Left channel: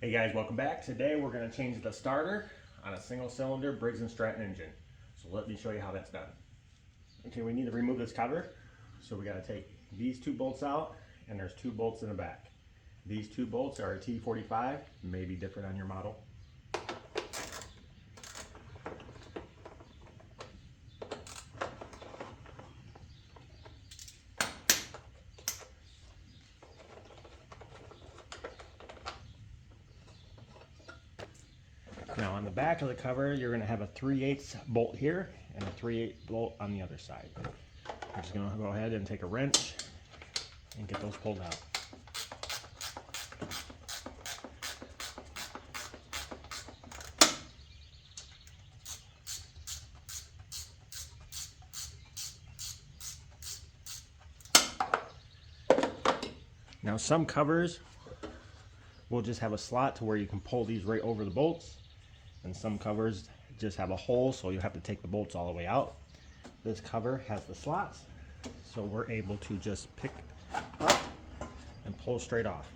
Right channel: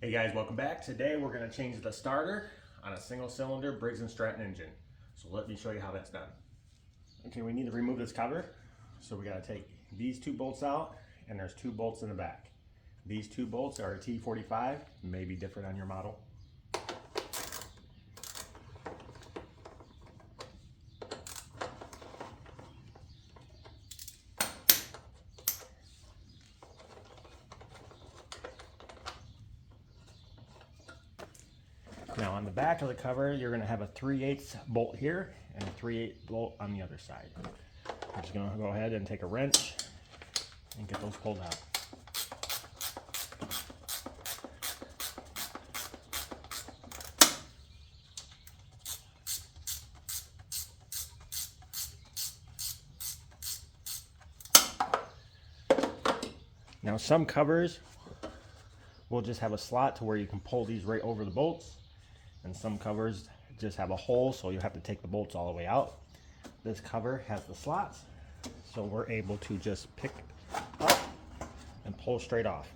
Hey guys, welcome back. Today we're going to change the starter on a single cylinder Briggs and Stratton engine. So let me show you how that's done. Okay, we need to remove this cover. So we got to take these two bolts out, and there's two bolts in the back. These two bolts are a T45, may be different on your model. Now on the back of the cover, you're going to have a 3/8 bolt here and a 3/8 bolt on the other side. I'm just going to go ahead and take a wrench and get those pulled out. Now some covers will just have a slot to where you can pull these right over the bolts, and some covers just have a hole, so you have to take the bolts all the way out. This cover has the slots, so we're able to just pick up and pull straight off.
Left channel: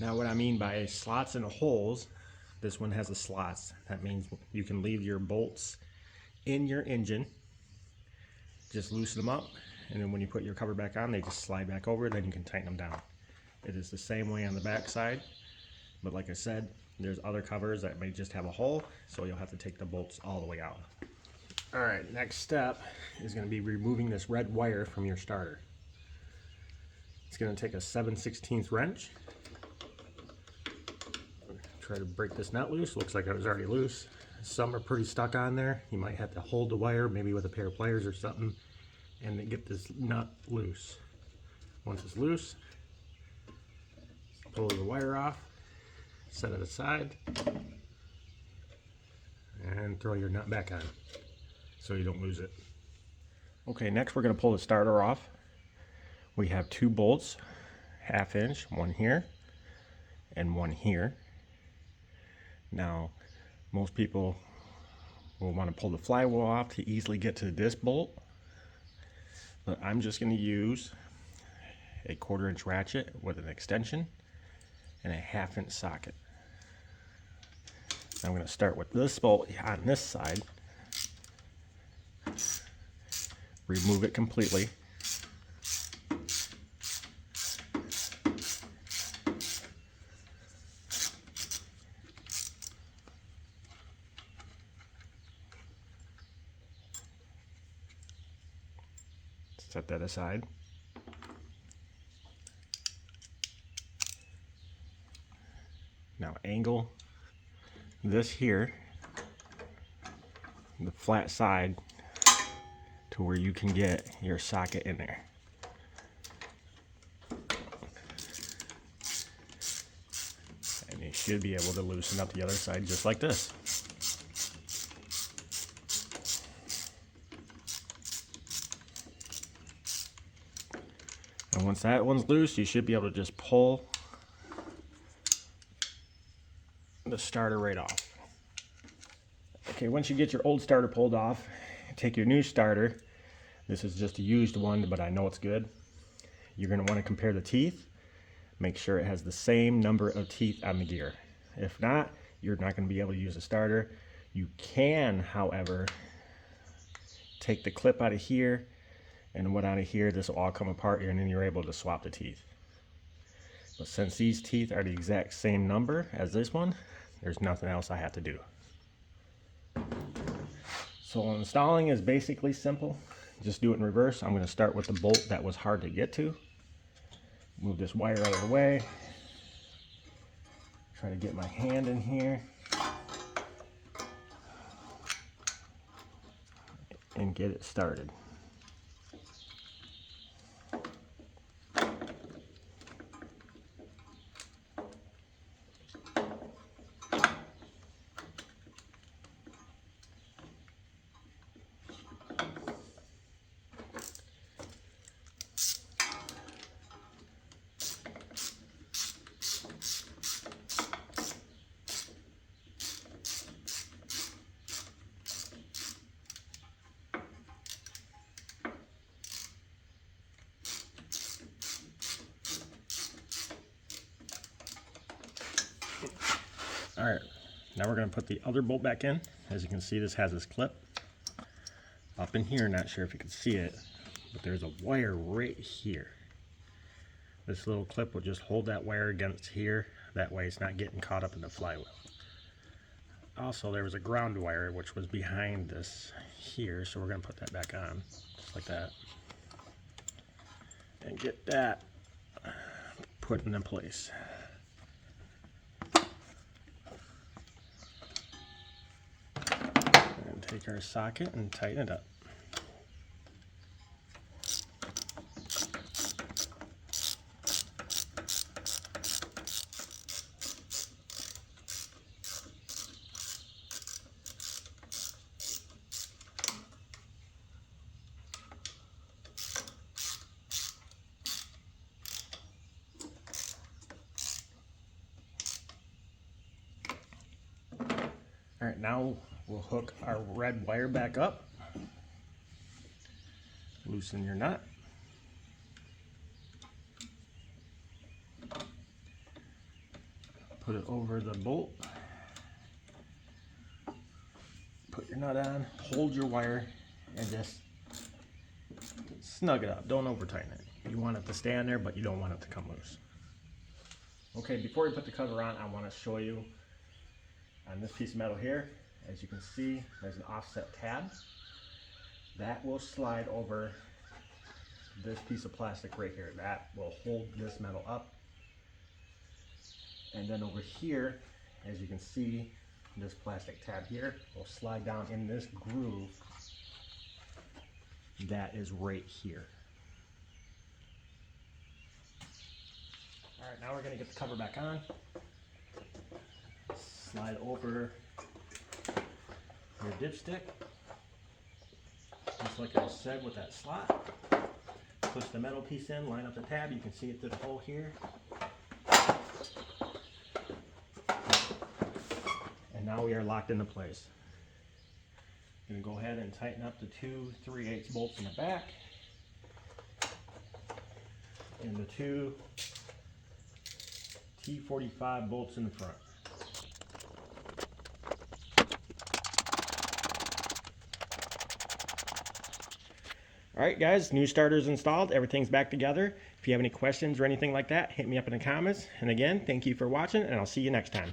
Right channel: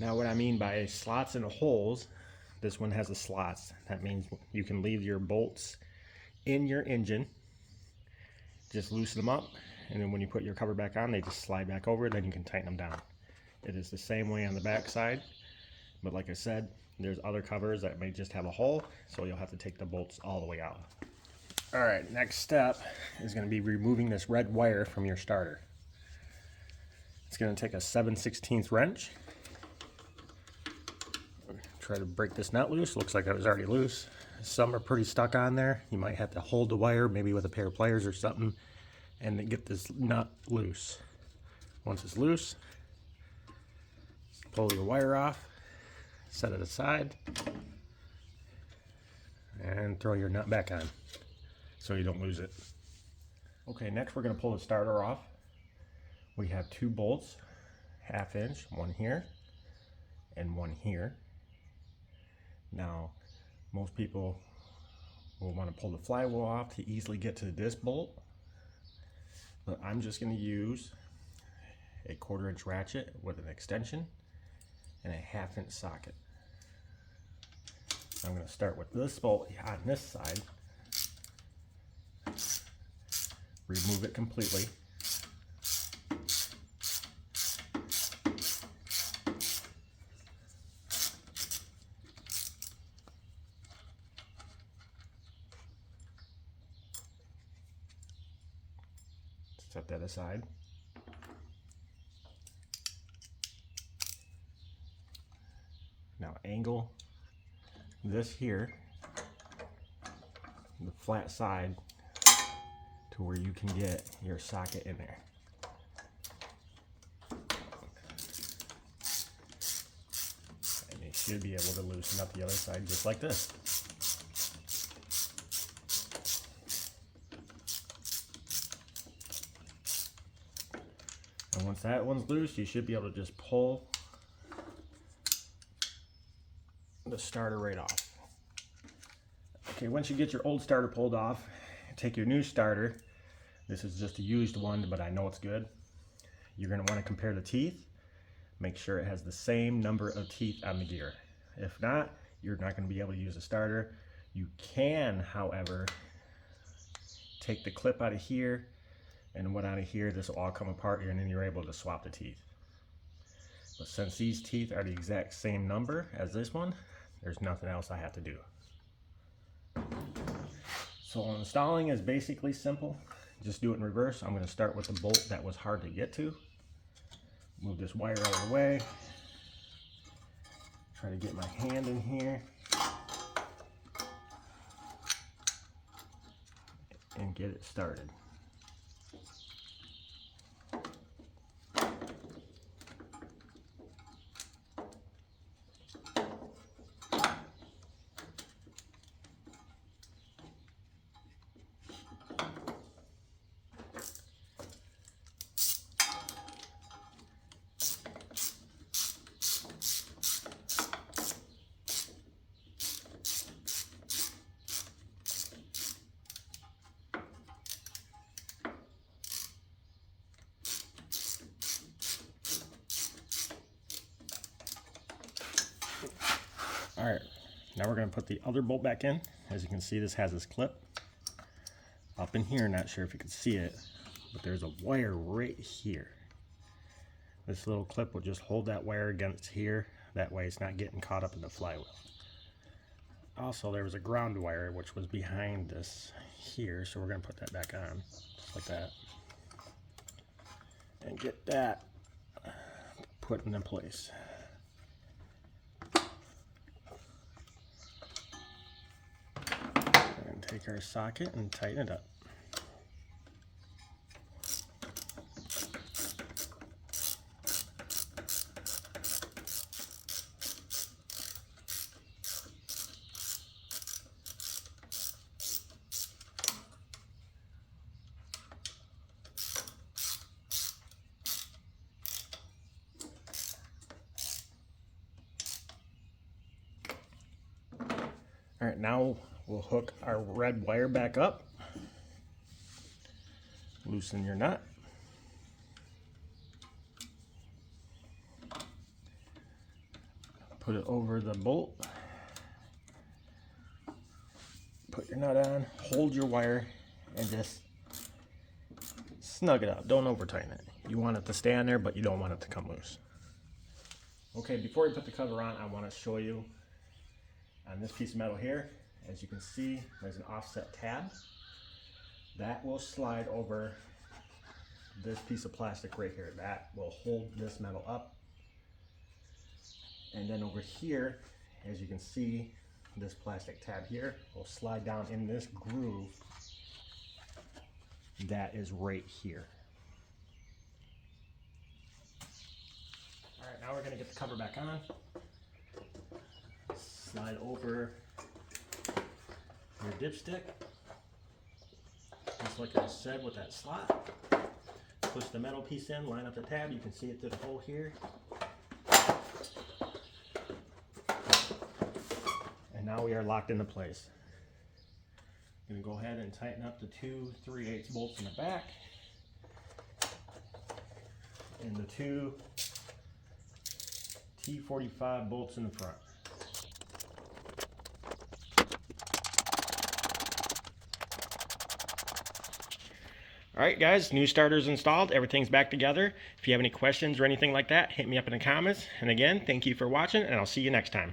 Now what I mean by slots and holes, this one has the slots. That means you can leave your bolts in your engine, just loosen them up, and then when you put your cover back on, they just slide back over, then you can tighten them down. It is the same way on the back side, but like I said, there's other covers that may just have a hole, so you'll have to take the bolts all the way out. All right, next step is going to be removing this red wire from your starter. It's going to take a 7/16 wrench. Try to break this nut loose. Looks like it was already loose. Some are pretty stuck on there. You might have to hold the wire, maybe with a pair of pliers or something, and then get this nut loose. Once it's loose, pull your wire off, set it aside, and throw your nut back on so you don't lose it. Okay, next we're going to pull the starter off. We have two bolts, 1/2 inch, one here and one here. Now, most people will want to pull the flywheel off to easily get to this bolt, but I'm just going to use a 1/4 inch ratchet with an extension and a 1/2 inch socket. I'm going to start with this bolt on this side, remove it completely, set that aside. Now angle this here, the flat side, to where you can get your socket in there. And you should be able to loosen up the other side just like this. And once that one's loose, you should be able to just pull the starter right off. Okay, once you get your old starter pulled off, take your new starter. This is just a used one, but I know it's good. You're going to want to compare the teeth. Make sure it has the same number of teeth on the gear. If not, you're not going to be able to use the starter. You can, however, take the clip out of here and one out of here. This will all come apart, and then you're able to swap the teeth. But since these teeth are the exact same number as this one, there's nothing else I have to do. So installing is basically simple. Just do it in reverse. I'm going to start with the bolt that was hard to get to. Move this wire out of the way. Try to get my hand in here and get it started. All right, now we're going to put the other bolt back in. As you can see, this has this clip up in here. Not sure if you can see it, but there's a wire right here. This little clip will just hold that wire against here. That way it's not getting caught up in the flywheel. Also, there was a ground wire which was behind this here, so we're going to put that back on, just like that. And get that put into place. And take our socket and tighten it up. All right, now we'll hook our red wire back up. Loosen your nut. Put it over the bolt. Put your nut on, hold your wire, and just snug it up. Don't over tighten it. You want it to stay on there, but you don't want it to come loose. Okay, before we put the cover on, I want to show you on this piece of metal here. As you can see, there's an offset tab that will slide over this piece of plastic right here. That will hold this metal up. And then over here, as you can see, this plastic tab here will slide down in this groove that is right here. All right, now we're going to get the cover back on. Slide over your dipstick, just like I said with that slot. Push the metal piece in, line up the tab. You can see it through the hole here. And now we are locked into place. I'm going to go ahead and tighten up the 2 3/8 bolts in the back and the 2 T45 bolts in the front. All right, guys, new starter's installed. Everything's back together. If you have any questions or anything like that, hit me up in the comments. And again, thank you for watching, and I'll see you next time.